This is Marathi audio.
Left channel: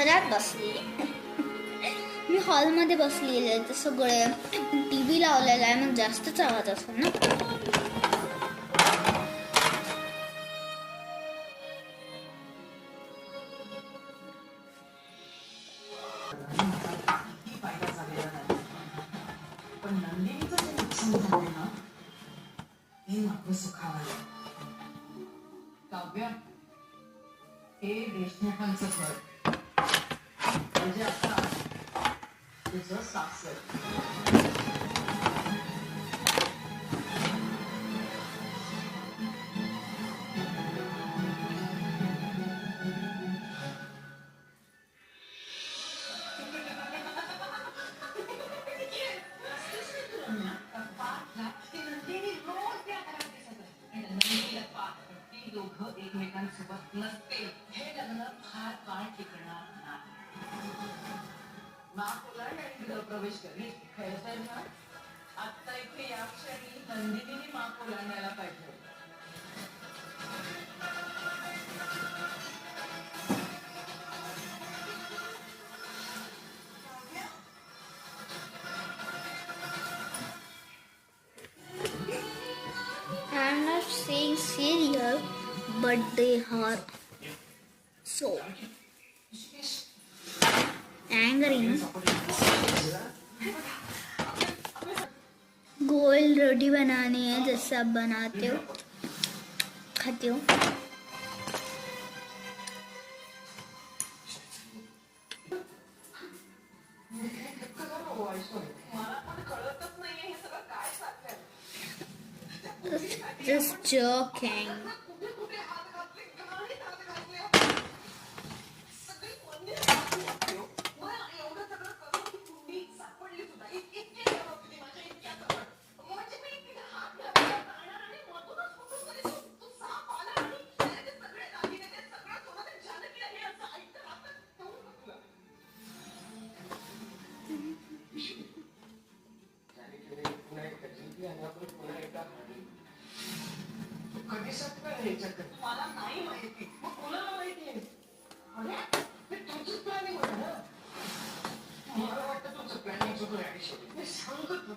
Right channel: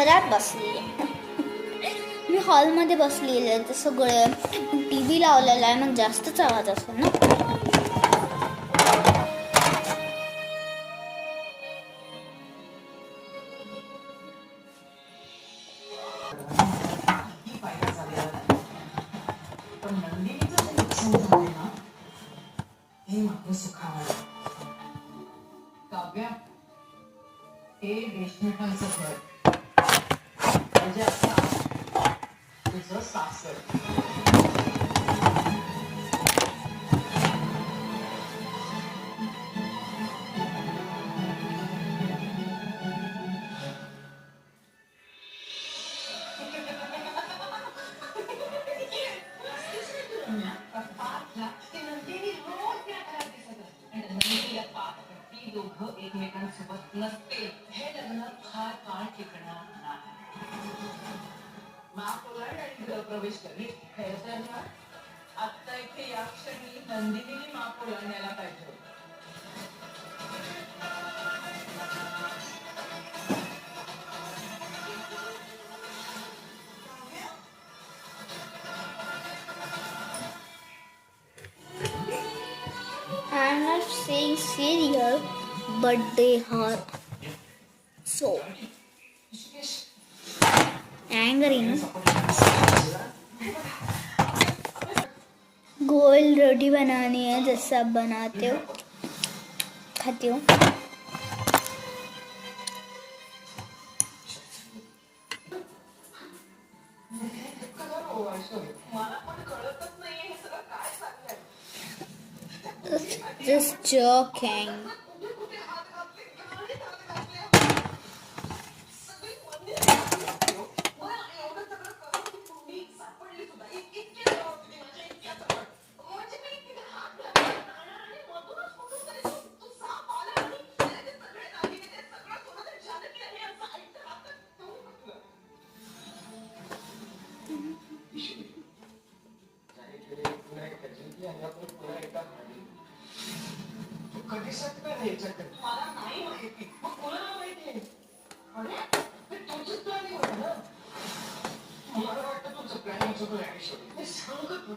घरात बसलेले. मी हॉलमध्ये बसलेले तर सगळे TV लावलेला आहे, मग जास्तच आवाज असेल ना. पण नंदिनीचं जे नुकसान झाले ना हे मात्र सुखावं. काव्या, हे देशमुखांचं घर म्हणजे आता तुझं सासर. एकमेकांसोबत नसते हे लग्न फार काळ टिकणार नाही. महापौराने आणि गृहप्रवेश करी खैरताना आता इथे या क्षणी नंदिनीने महापौराने न्यायला पाहिजे. I'm not saying serial, but they are so angry. गोल रोटी बनानी है जैसे आप बनाते हो, खाते हो. Just joking. मला नाही माहिती, मग कोणाला माहिती? अरे हे तुमचंच प्लॅनिंग होतं ना. मला वाटतं तुमचं प्लॅनिंग चुकलं. सांगत होतं